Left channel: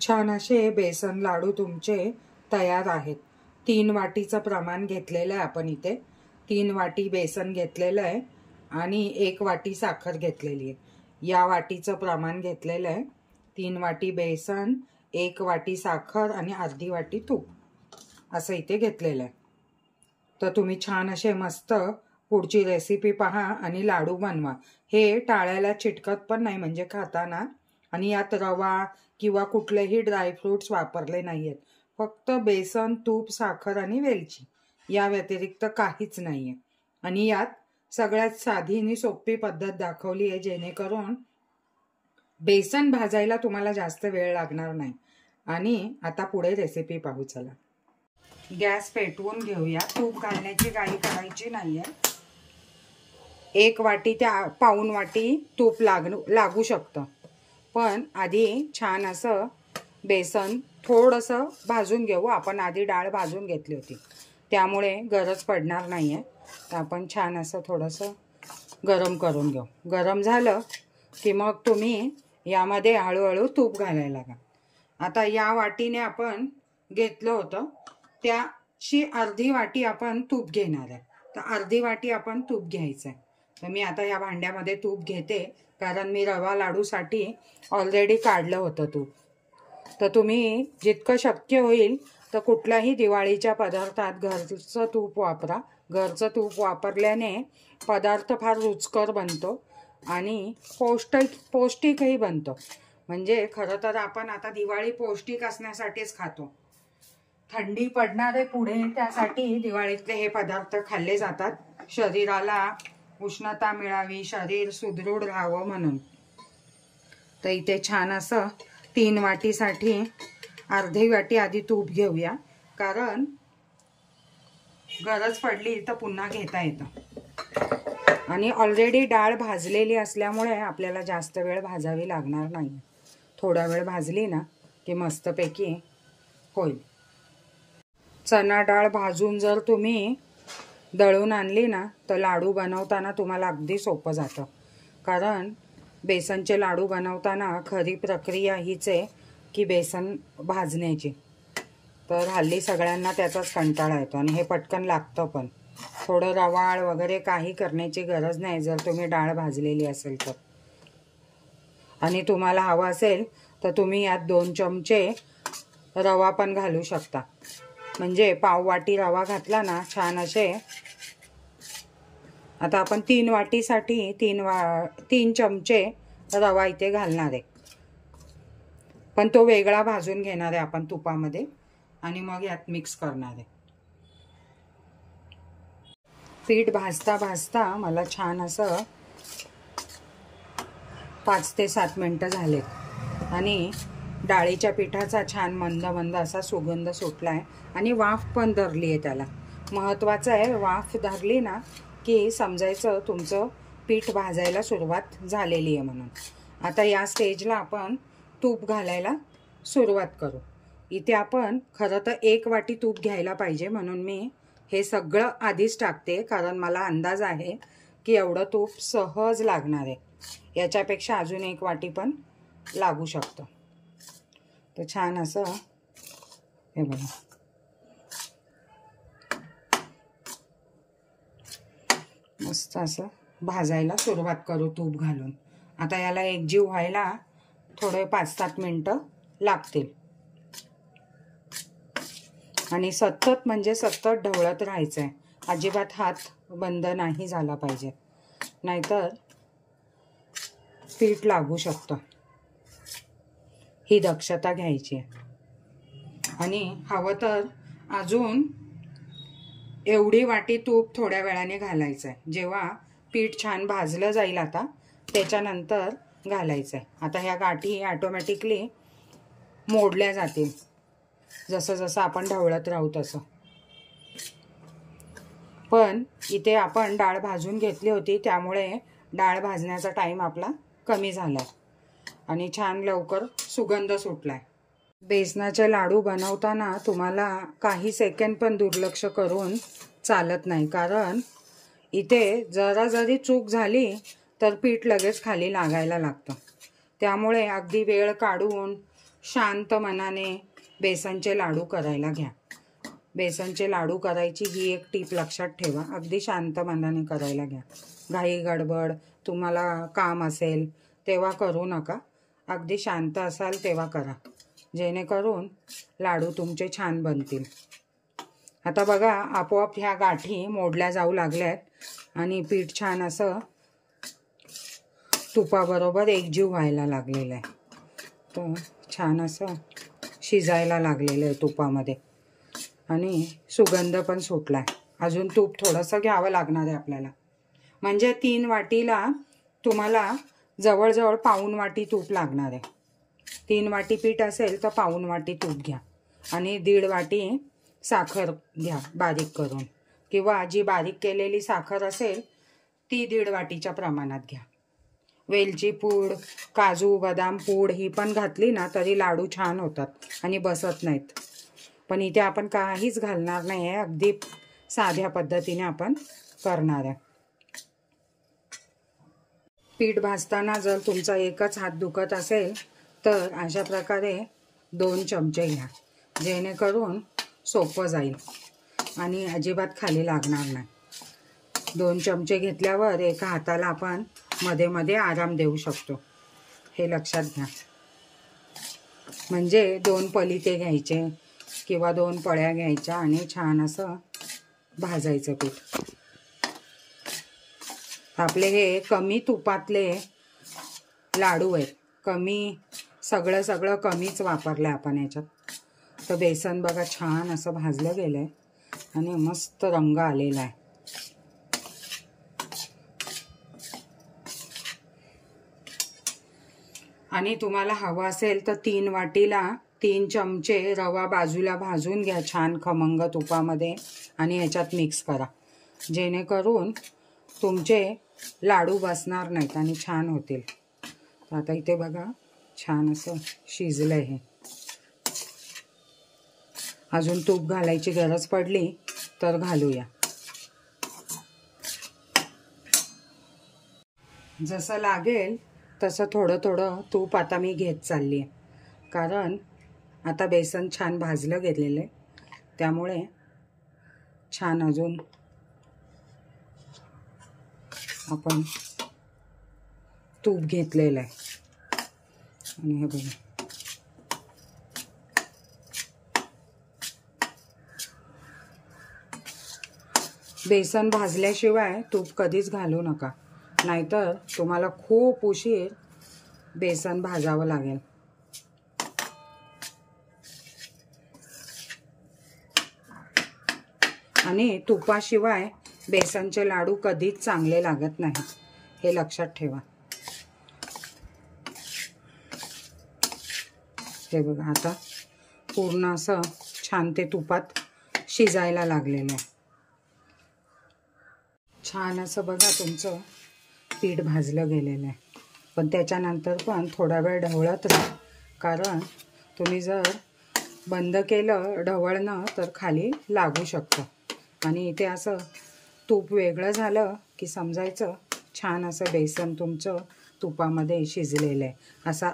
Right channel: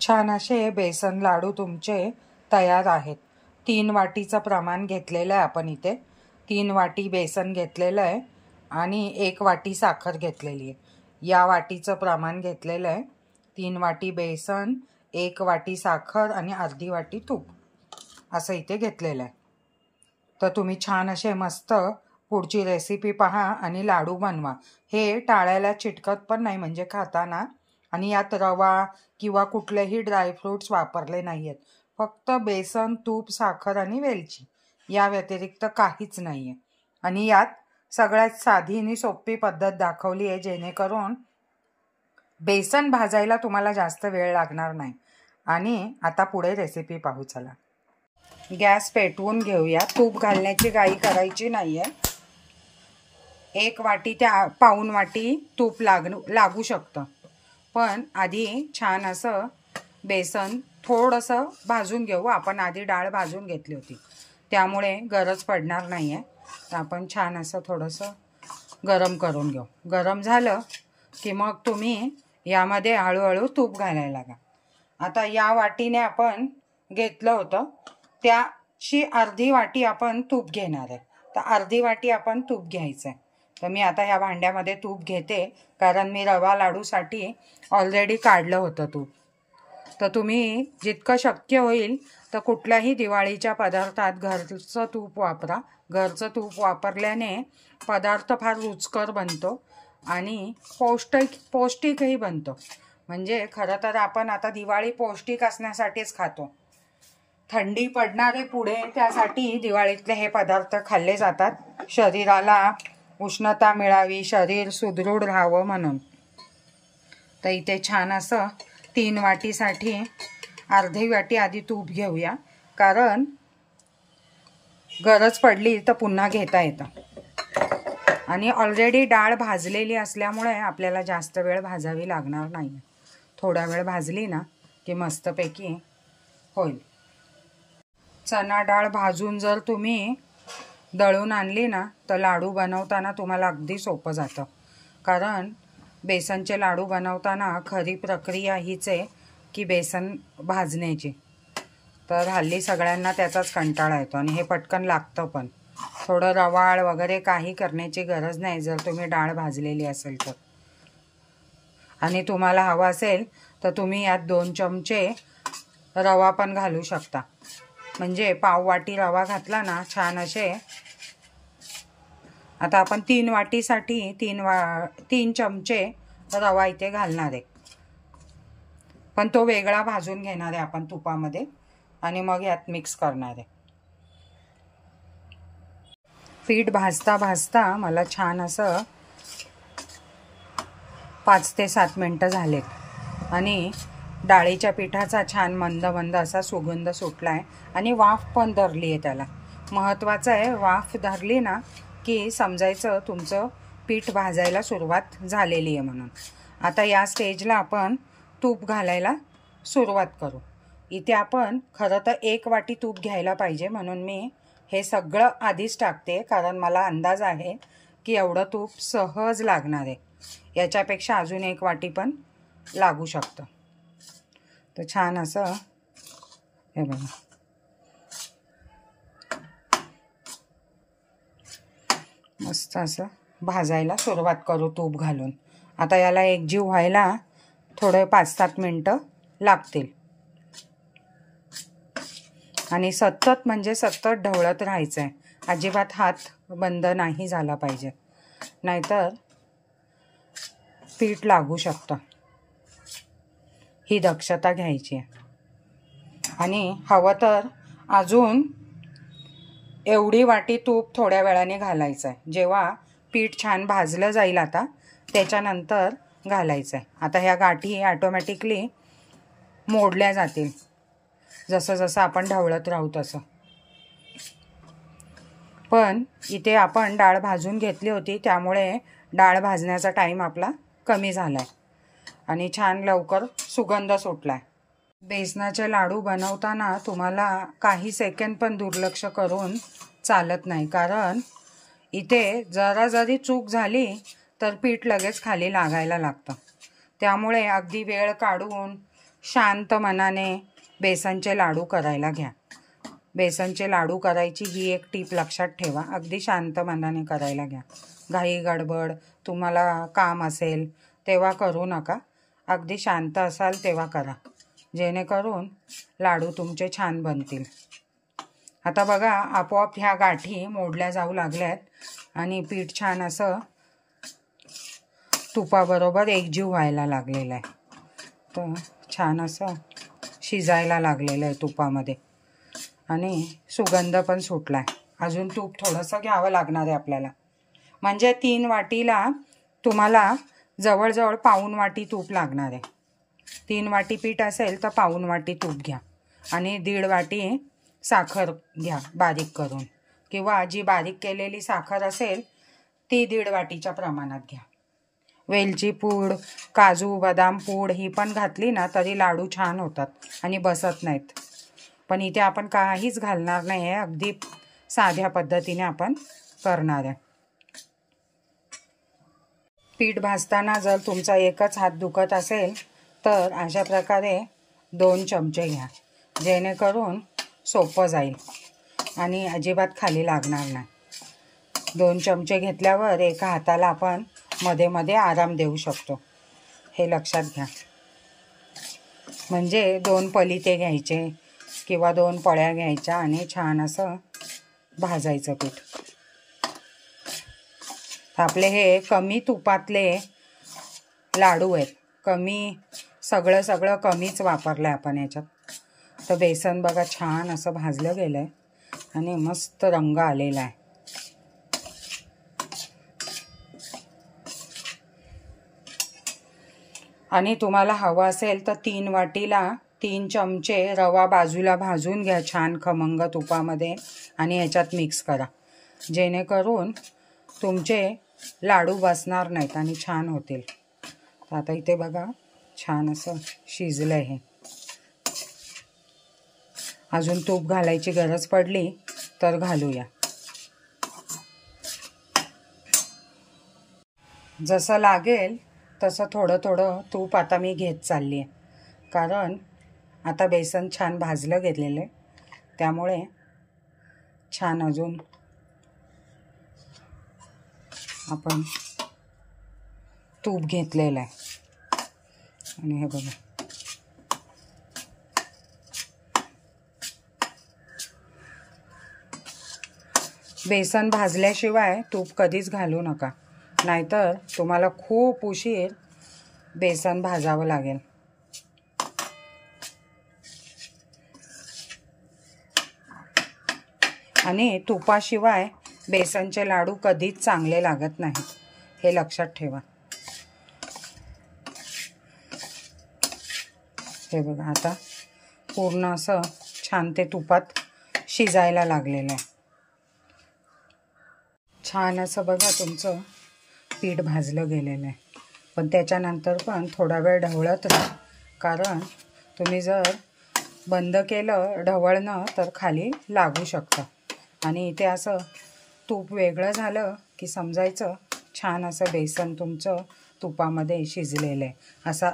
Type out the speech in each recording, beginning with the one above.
छान असे बेसन लाडू तुमचे तयार आहेत। 3 वाटीचं प्रमाण घेतलेलं आहे आपण इथे। 3 वाटी बेसन घेतलेलं आहे आणि 1 वाटी साखर घेतलेली आहे। या वाटीचं प्रमाण घेतलेलं आहे। 3 वाटी बेसन, 1 वाटी साखर आणि अर्धी वाटी तूप असं इथे घेतलेलं आहे। तर तुम्ही छान असे मस्त पुढची रेसिपी पहा आणि लाडू बनवा। हे टाळ्याला चिटकत पण नाही म्हणजे खाताना, आणि यात रवा किंवा कुठलेही ड्रायफ्रुट्स वापरले नाहीयेत। फक्त बेसन, तूप, साखर आणि वेलची, या व्यतिरिक्त काहीच नाहीये। आणि यात सगळ्यात साधी आणि सोपी पद्धत दाखवली आहे, जेणेकरून बेसन भाजायला तुम्हाला जास्त वेळ लागणार नाही। आणि आता पुढे रेसिपी पाहू चला। गॅस पेटवून घेऊया। तूप घालण्याची घाई करायची नाहीये। 1 वाटी त्या पाऊण वाटी तूप लागू शकतं, पण आधी छान असं बेसन थोडंसं भाजून घेऊ। आपण आधी डाळ भाजून घेतली होती, त्यामुळे गरज पडणार नाहीये। तर आपण छान असं थोडंसं गरम करून घेऊ। गरम झालं की मग तुम्ही यामध्ये हळूहळू तूप घालायला लागा। आता या वाटीने आपण घेतलं होतं त्याची अर्धी वाटी आपण तूप घेणार आहे। तर अर्धी वाटी आपण तूप घ्यायचं आहे। तर मी आता या भांड्यामध्ये तूप घेते, कारण मी रवा लाडूसाठी ऑलरेडी काढलं होतं तूप। तर तुम्ही जितकं शक्य होईल तर कुठल्याही दिवाळीच्या पदार्थात घरचं तूप वापरा। घरचं तूप वापरल्याने पदार्थ फार रुचकर बनतो आणि पौष्टिकही बनतो। म्हणजे खरं तर आपण आता दिवाळी पौष्टिक असण्यासाठीच खातो। थंडी पडणारे पुढे, त्यासाठी दिवाळीतले हे पदार्थ खाल्ले जातात, शरीराला उष्णता मिळावी, शरीर सुदृढ राहावं म्हणून। तर इथे छान असं 3 वाटीसाठी अर्धी वाटी आधी तूप घेऊया, कारण गरज पडली तर पुन्हा घेता येतं। आणि ऑलरेडी डाळ भाजलेली असल्यामुळे आपल्याला जास्त वेळ भाजावी लागणार नाही। थोडा वेळ भाजली ना की मस्तपैकी होईल। चणा डाळ भाजून जर तुम्ही दळून आणली ना तर लाडू बनवताना तुम्हाला अगदी सोपं जातं। कारण बेसनचे लाडू बनवताना खरी प्रक्रिया हीच आहे की बेसन भाजण्याची। तर हल्ली सगळ्यांना त्याचाच कंटाळा येतो आणि हे पटकन लागतं पण। थोडं रवाळ वगैरे काही करण्याची गरज नाही जर तुम्ही डाळ भाजलेली असेल तर। आणि तुम्हाला हवं असेल तर तुम्ही यात 2 चमचे रवा पण घालू शकता। म्हणजे पाव वाटी रवा घातला ना छान असे। आता आपण 3 वाटीसाठी 3 चमचे रवा इथे घालणार आहे, पण तो वेगळा भाजून घेणार आहे आपण तुपामध्ये आणि मग यात मिक्स करणार आहे। पीठ भाजता भाजता मला छान असं 5 ते 7 मिनिटं झाले आणि डाळीच्या पिठाचा छान मंद मंद असा सुगंध सुटलाय आणि वाफ पण धरली आहे त्याला। महत्त्वाचं आहे, वाफ धरली ना की समजायचं तुमचं पीठ भाजायला सुरुवात झालेली आहे म्हणून। आता या स्टेजला आपण तूप घालायला सुरुवात करू। इथे आपण खरं तर 1 वाटी तूप घ्यायला पाहिजे, म्हणून मी हे सगळं आधीच टाकते, कारण मला अंदाज आहे की एवढं तूप सहज लागणार आहे। याच्यापेक्षा अजून 1 वाटी पण लागू शकतं। तर छान असं हे बघा, मस्त असं भाजायला सुरुवात करू तूप घालून। आता याला एकजीव व्हायला थोडे 5-7 मिनिटं लागतील आणि सतत म्हणजे सतत ढवळत राहायचं आहे। अजिबात हात बंद नाही झाला पाहिजे, नाहीतर पीठ लागू शकतं। ही दक्षता घ्यायची आहे। आणि हवं तर अजून एवढी वाटी तूप थोड्या वेळाने घालायचं आहे। जेव्हा पीठ छान भाजलं जाईल आता त्याच्यानंतर घालायचं आहे। आता ह्या गाठी ऑटोमॅटिकली मोडल्या जातील जसं जसं आपण ढवळत राहू तसं। पण इथे आपण डाळ भाजून घेतली होती, त्यामुळे डाळ भाजण्याचा टाईम आपला कमी झालाय आणि छान लवकर सुगंध सुटलाय। बेसनाचे लाडू बनवताना तुम्हाला काही सेकंद पण दुर्लक्ष करून चालत नाही, कारण इथे जरा जरी चूक झाली तर पीठ लगेच खाली लागायला लागतं। त्यामुळे अगदी वेळ काढून शांत मनाने बेसनचे लाडू करायला घ्या. बेसनचे लाडू करायची ही एक टीप लक्षात ठेवा. अगदी शांत मनाने करायला घ्या. घाई गडबड तुम्हाला काम असेल तेव्हा करू नका. अगदी शांत असाल तेव्हा करा, जेणेकरून लाडू तुमचे छान बनतील. आता बघा आपोआप ह्या गाठी मोडल्या जाऊ लागल्यात आणि पीठ छान असं तुपाबरोबर एकजीव व्हायला लागलेलं आहे. तर छान असं शिजायला लागलेलं आहे तुपामध्ये आणि सुगंध पण सुटला आहे. अजून तूप थोडंसं घ्यावं लागणार आहे आपल्याला. म्हणजे 3 वाटीला तुम्हाला जवळजवळ पाऊण वाटी तूप लागणार आहे. 3 वाटी पीठ असेल तर पाऊण वाटी तूप घ्या आणि 1.5 वाटी साखर घ्या बारीक करून, किंवा जी बारीक केलेली साखर असेल ती 1.5 वाटीच्या प्रमाणात घ्या. वेलची पूड, काजू बदाम पूड ही पण घातली ना तरी लाडू छान होतात आणि बसत नाहीत. पण इथे आपण काहीच घालणार नाही आहे. अगदी साध्या पद्धतीने आपण करणार आहे. पीठ भाजताना जर तुमचा एकच हात दुखत असेल तर अशा प्रकारे 2 चमचे घ्या, जेणेकरून सोपं जाईल आणि अजिबात खाली लागणार नाही. 2 चमचे घेतल्यावर एका हाताला आपण मध्ये मध्ये आराम देऊ शकतो, हे लक्षात घ्या. म्हणजे 2 पलिते घ्यायचे किंवा 2 पळ्या घ्यायच्या आणि छान असं भाजायचं पीठ. आपले हे कमी तुपातले लाडू आहेत. सगळं कमीच वापरलं आहे आपण याच्यात. तर बेसन बघा छान असं भाजलं गेलं आहे आणि मस्त रंग आलेला आहे. आणि तुम्हाला हवं असेल तर 3 वाटीला 3 चमचे रवा बाजूला भाजून घ्या छान खमंग तुपामध्ये आणि ह्याच्यात मिक्स करा, जेणेकरून तुमचे लाडू बसणार नाहीत आणि छान होतील. आता इथे बघा छान असं शिजलं आहे. अजून तूप घालायची गरज पडली तर घालूया. जसं लागेल तसं थोडं तूप आता मी घेत चालली आहे, कारण आता बेसन छान भाजलं गेलेलं आहे. त्यामुळे छान अजून आपण तूप घेतलेलं आहे. आणि हे बघा बेसन भाजल्याशिवाय तूप कधीच घालू नका, नाहीतर तुम्हाला खूप उशीर बेसन भाजावं लागेल. आणि तुपाशिवाय बेसनचे लाडू कधीच चांगले लागत नाहीत, हे लक्षात ठेवा. हे बघा आता पूर्ण असं छान ते तुपात शिजायला लागलेलं आहे. छान असं बघा तुमचं पीठ भाजलं गेलेलं आहे. पण त्याच्यानंतर पण थोडा वेळ ढवळत राहा, कारण तुम्ही जर बंद केलं ढवळणं तर खाली लागू शकतं. आणि इथे असं तूप वेगळं झालं की समजायचं छान असं बेसन तुमचं तुपामध्ये शिजलेलं आहे. असा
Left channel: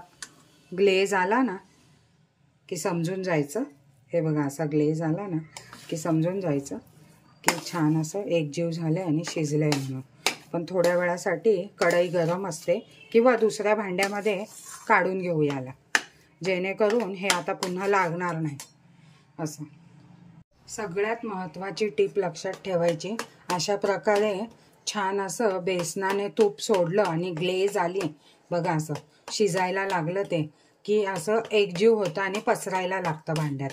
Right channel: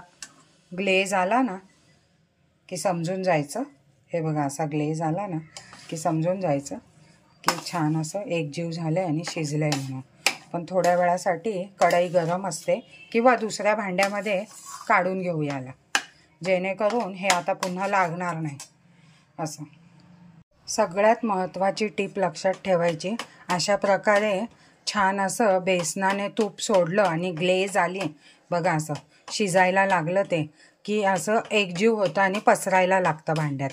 ग्लेज आला ना की समजून जायचं. हे बघा असा ग्लेज आला ना की समजून जायचं की छान असं एकजीव झालं आहे आणि शिजलं आहे म्हणून. पण थोड्या वेळासाठी कढई गरम असते किंवा दुसऱ्या भांड्यामध्ये काढून घेऊ याला, जेणेकरून हे आता पुन्हा लागणार नाही. असं सगळ्यात महत्त्वाची टीप लक्षात ठेवायची. अशा प्रकारे छान असं बेसनाने तूप सोडलं आणि ग्लेज आली बघा, असं शिजायला लागलं ते की असं एकजीव होतं आणि पसरायला लागतं भांड्यात,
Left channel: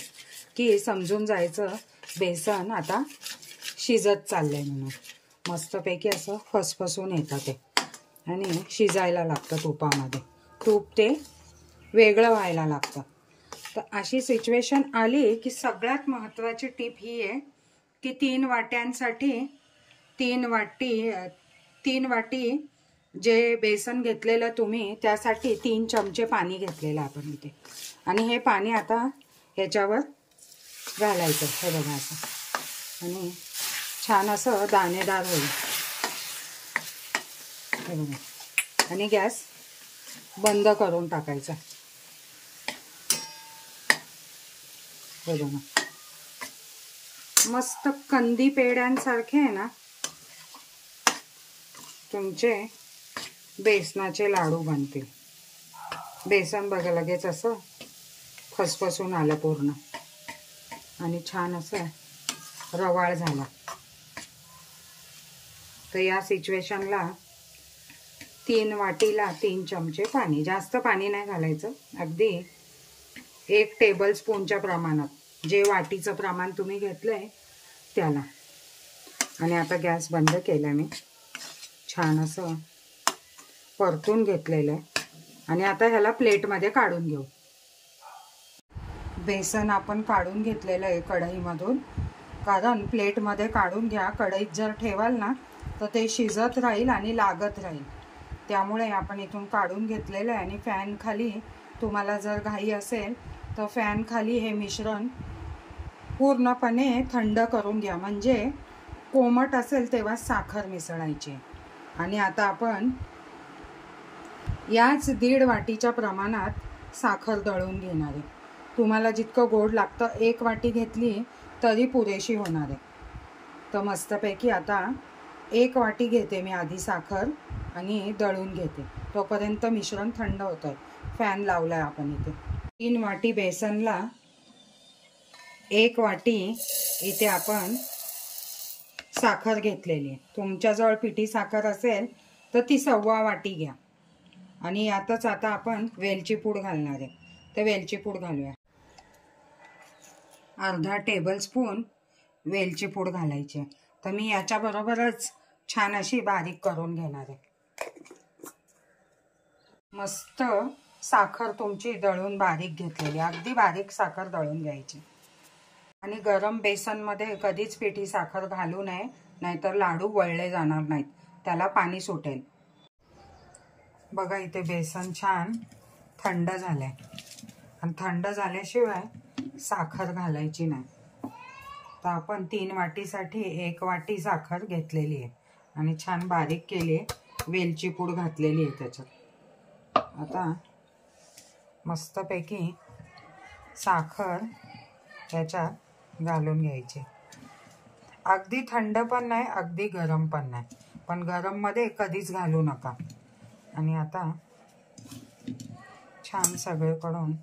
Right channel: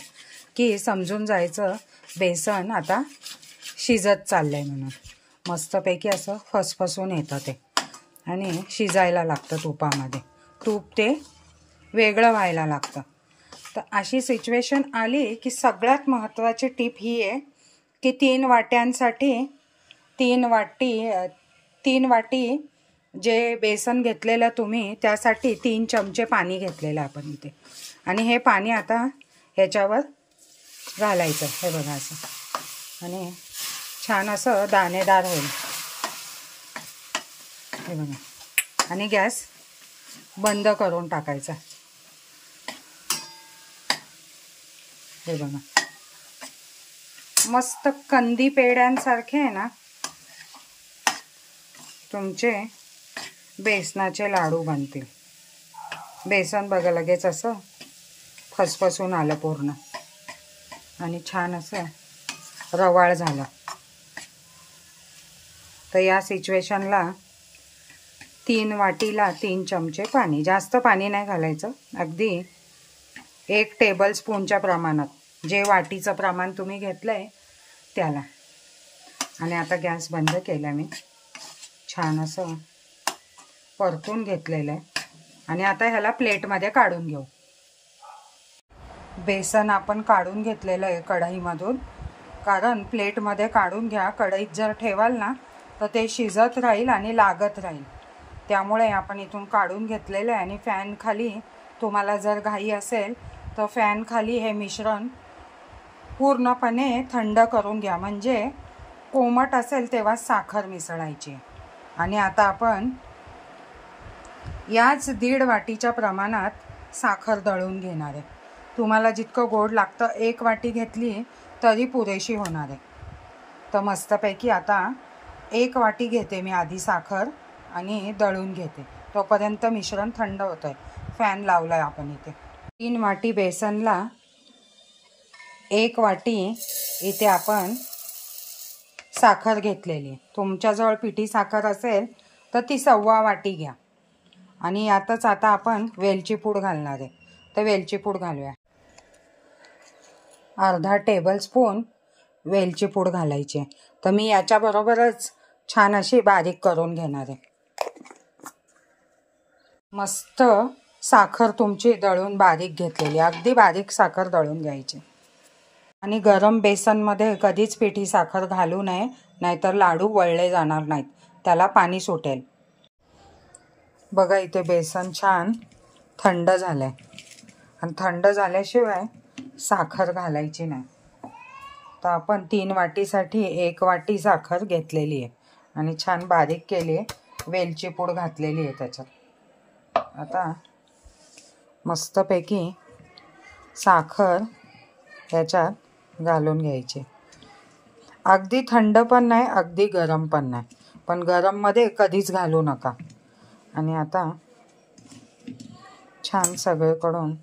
की समजून जायचं बेसन आता शिजत चाललंय म्हणून. मस्तपैकी असं फसफसून येतं ते आणि शिजायला लागतं तुपामध्ये. तूप ते वेगळं व्हायला लागतं. तर अशी सिच्युएशन आली की सगळ्यात महत्त्वाची टीप ही आहे की 3 वाट्यांसाठी 3 वाटी जे बेसन घेतलेलं तुम्ही त्यासाठी 3 चमचे पाणी घेतलेलं आपण इथे. आणि हे पाणी आता ह्याच्यावर घालायचं. हे बघा असं आणि छान असं दाणेदार होईल. हे बघा आणि गॅस बंद करून टाकायचा. हे बघा, मस्त कंदी पेड्यांसारखे आहे ना तुमचे बेसनाचे लाडू बनतील. बेसन बघा लगेच असं फसफसून आलं पूर्ण आणि छान असं रवाळ झाला. तर या सिच्युएशनला 3 वाटीला 3 चमचे पाणी, जास्त पाणी नाही घालायचं, अगदी 1 टेबलस्पूनच्या प्रमाणात, जे वाटीचं प्रमाण तुम्ही घेतलंय त्याला. आणि आता गॅस बंद केला मी, छान असं परतून घेतलेलं आहे. आणि आता ह्याला प्लेटमध्ये काढून घेऊ. बेसन आपण काढून घेतलेलं आहे कढईमधून, कारण प्लेटमध्ये काढून घ्या, कढईत जर ठेवाल ना तर ते शिजत राहील आणि लागत राहील. त्यामुळे आपण इथून काढून घेतलेलं आहे. आणि फॅन खाली तुम्हाला जर घाई असेल तर फॅन खाली हे मिश्रण पूर्णपणे थंड करून घ्या, म्हणजे कोमट असेल तेव्हा साखर मिसळायची. आणि आता आपण याच 1.5 वाटीच्या प्रमाणात साखर दळून घेणार आहे. तुम्हाला जितकं गोड लागतं 1 वाटी घेतली तरी पुरेशी होणार आहे. तर मस्तपैकी आता 1 वाटी घेते मी आधी साखर आणि दळून घेते. तोपर्यंत मिश्रण थंड होत आहे. फॅन लावला आहे आपण इथे. 3 वाटी बेसनला 1 वाटी इथे आपण साखर घेतलेली आहे. तुमच्याजवळ पिठी साखर असेल तर ती 1.25 वाटी घ्या. आणि यातच आता आपण वेलची पूड घालणार आहे. तर वेलची पूड घालूया. अर्धा टेबलस्पून वेलची पूड घालायची. तर मी याच्याबरोबरच छान अशी बारीक करून घेणार आहे. मस्त साखर तुमची दळून बारीक घेतलेली, अगदी बारीक साखर दळून घ्यायची. आणि गरम बेसनमध्ये कधीच पिठी साखर घालू नये, नाहीतर लाडू वळले जाणार नाहीत, त्याला पाणी सुटेल. बघा इथे बेसन छान थंड झालंय. आणि थंड झाल्याशिवाय साखर घालायची नाही. तर आपण 3 वाटीसाठी 1 वाटी साखर घेतलेली आहे आणि छान बारीक केली आहे. वेलची पूड घातलेली आहे त्याच्यात. आता मस्तपैकी साखर त्याच्यात घालून घ्यायची. अगदी थंड पण नाही, अगदी गरम पण नाही, पण गरममध्ये कधीच घालू नका. आणि आता छान सगळीकडून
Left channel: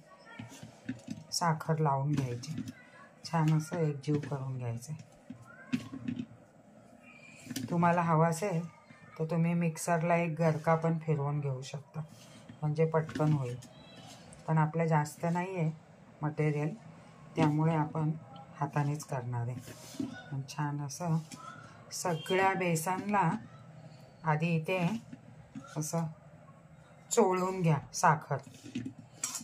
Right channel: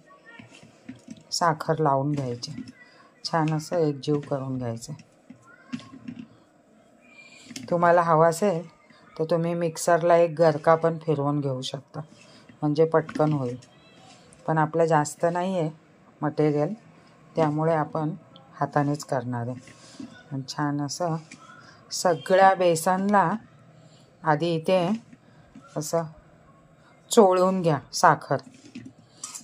साखर लावून घ्यायची, छान असं एकजीव करून घ्यायचं. तुम्हाला हवं असेल तर तुम्ही मिक्सरला एक गरका पण फिरवून घेऊ शकता, म्हणजे पटकन होईल. पण आपलं जास्त नाही आहे मटेरियल, त्यामुळे आपण हातानेच करणार आहे. आणि छान असं सगळ्या बेसनला आधी इथे असं चोळून घ्या साखर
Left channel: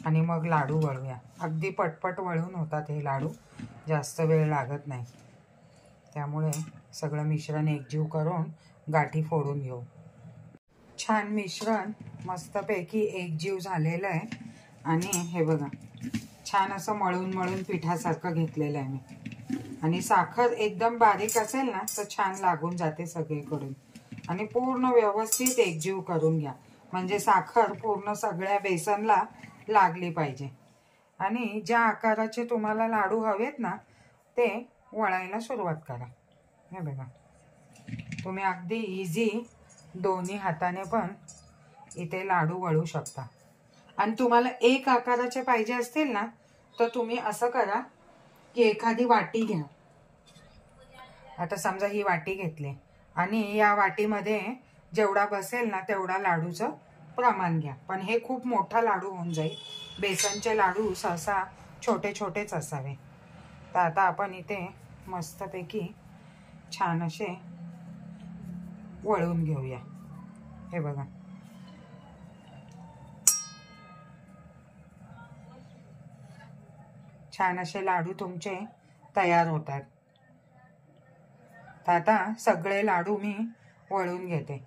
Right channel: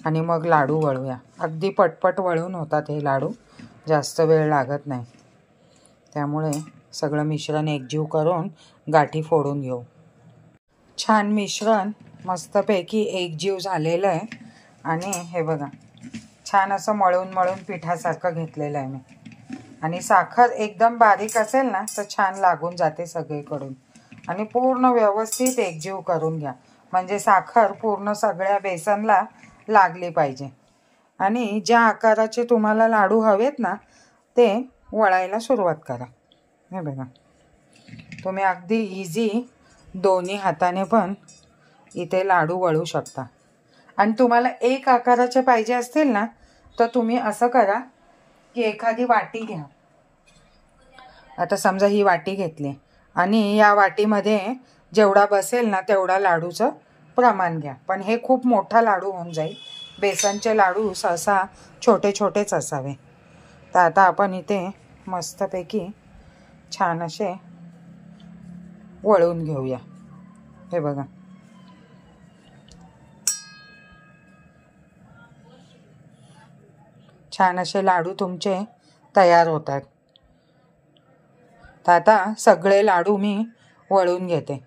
आणि मग लाडू वळूया. अगदी पटपट वळून होतात हे लाडू, जास्त वेळ लागत नाही. त्यामुळे सगळं मिश्रण एकजीव करून गाठी फोडून घेऊ. छान मिश्रण मस्तपैकी एकजीव झालेलं आहे. आणि हे बघा छान असं मळून मळून पिठासारखं घेतलेलं आहे मी. आणि साखर एकदम बारीक असेल ना तर छान लागून जाते सगळीकडून. आणि पूर्ण व्यवस्थित एकजीव करून घ्या, म्हणजे साखर पूर्ण सगळ्या बेसनला लागली पाहिजे. आणि ज्या आकाराचे तुम्हाला लाडू हवेत ना ते वळायला सुरुवात करा. हे बघा तुम्ही अगदी इझी दोन्ही हाताने पण इथे लाडू वळू शकता. आणि तुम्हाला एक आकाराचे पाहिजे असतील ना तर तुम्ही असं करा की एखादी वाटी घ्या. आता समजा ही वाटी घेतली आणि या वाटीमध्ये जेवढा बसेल ना तेवढा लाडूचं प्रमाण घ्या. पण हे खूप मोठा लाडू होऊन जाईल. बेसनचे लाडू सहसा छोटे छोटेच असावे. तर आता आपण इथे मस्तपैकी छान असे वळून घेऊया. हे बघा छान असे लाडू तुमचे तयार होतात. तर आता सगळे लाडू मी वळून घेते.